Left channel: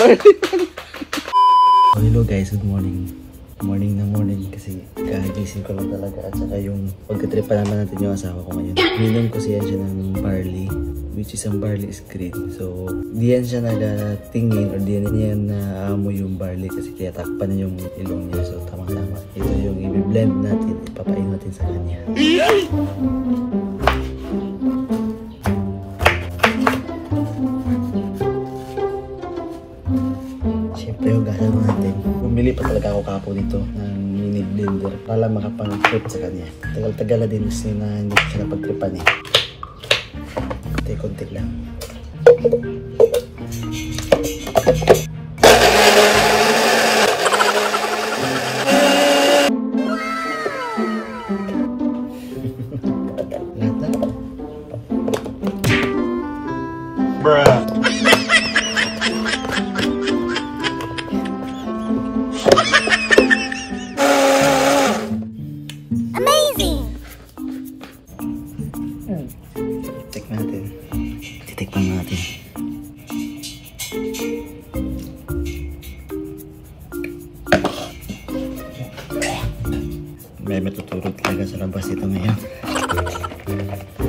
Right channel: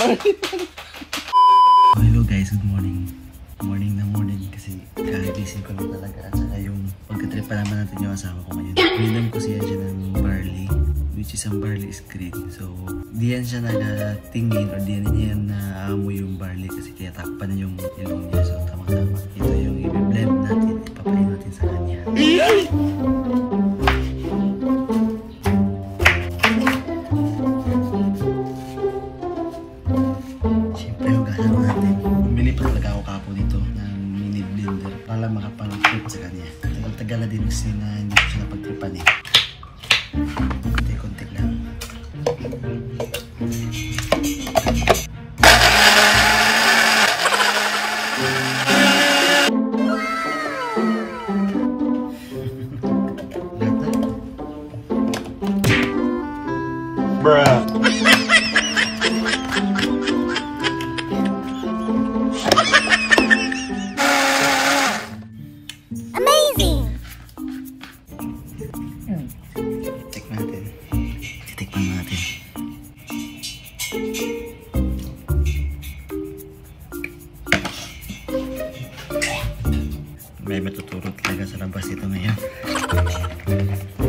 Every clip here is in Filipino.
Hello guys, good morning. Morning na morning kasi kagising ko lang talaga at saka yung pagka-trip pa naman natin yung asawa ko ngayon. Minom ko siya ng barley, which is ang barley is green. So, diyan siya nagatingin or diyan niya naamoy yung barley kasi kaya takpan na yung ilong niya. So, tamang-tama. Ito yung i-blend natin, ipapain natin sa kanya. Siyempre, hugasan natin. Bumili pa talaga ako kapo dito ng mini blender para makapang-trip sa kanya. Tagal-tagal na din kasi na hindi ko siya napag-tripan eh. Konti lang. Bruh. Titikpan natin. May matuturo talaga sa labas ito ngayon.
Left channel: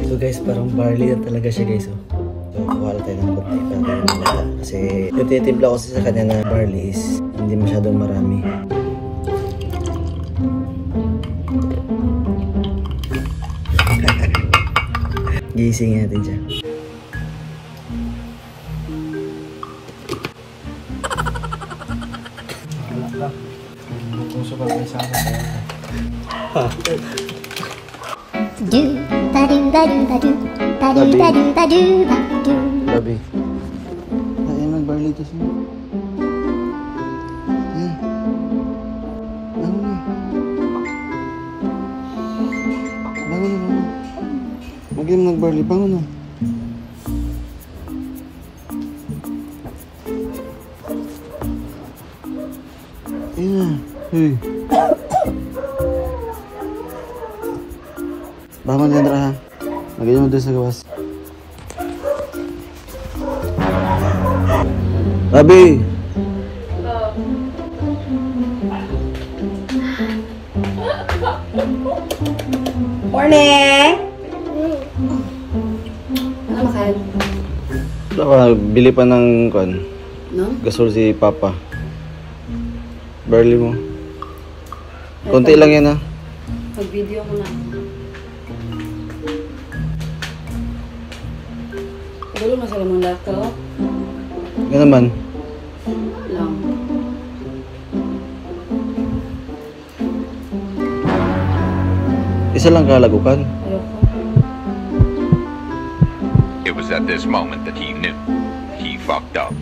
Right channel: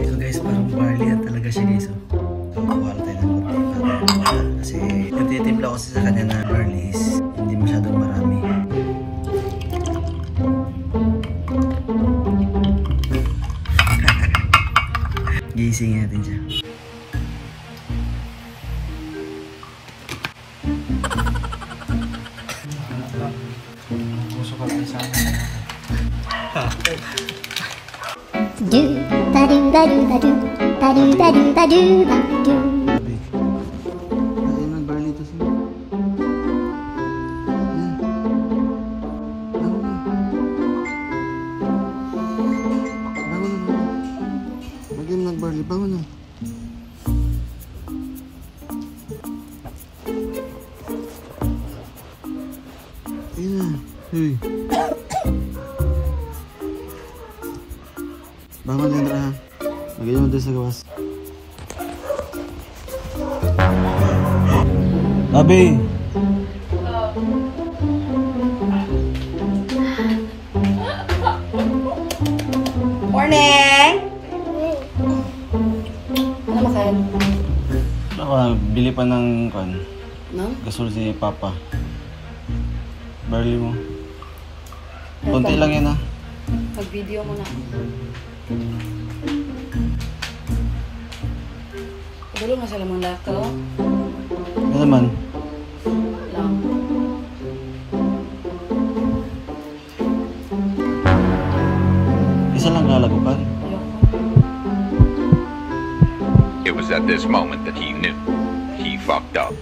So guys, parang barley na talaga siya guys. So kuha tayo ng konti para tayo mawala. Kasi yung titimpla ko sa kanya na barley is hindi masyadong marami. Gisingin natin siya. Grabe. Ayan, nag-barley to siya. Ayan. Bangon na. Mag-game nag-barley. Bangon na. Ayan. Hey. Bangon yan, Raha. Magayon mo doon sa gawas. Rabi! Morning! Ano makain? Bili pa ng no? gasol si Papa. Barley mo. Kunti lang yan ha. Mag-video ko na. Gulo na sa lamang lahat ka o? Ano naman? Lang. Isa lang kalagukan. It was at this moment that he knew he fucked up.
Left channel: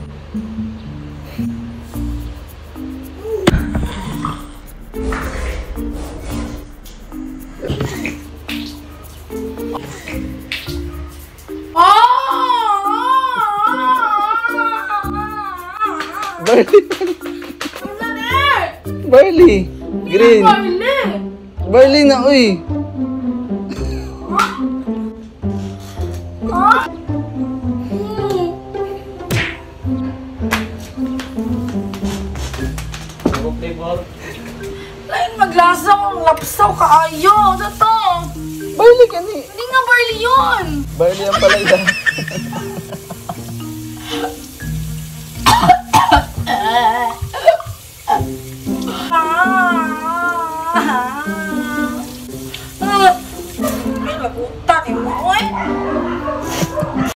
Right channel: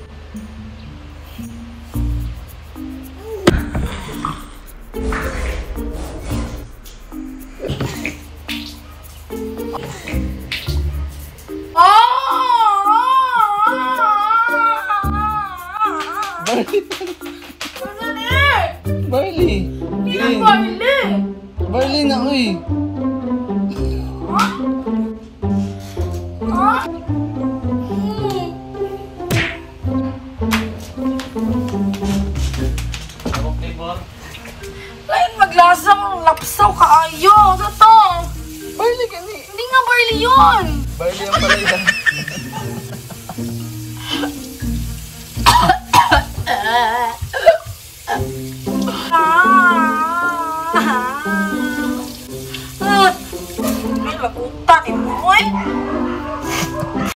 Barley! Green! Barley na, uy! Lain maglasang lapsaw kaayo. Ano to? Barley ka ni! Hindi nga barley yun! Barley ang pala yan. Ay, mapunta. Ay,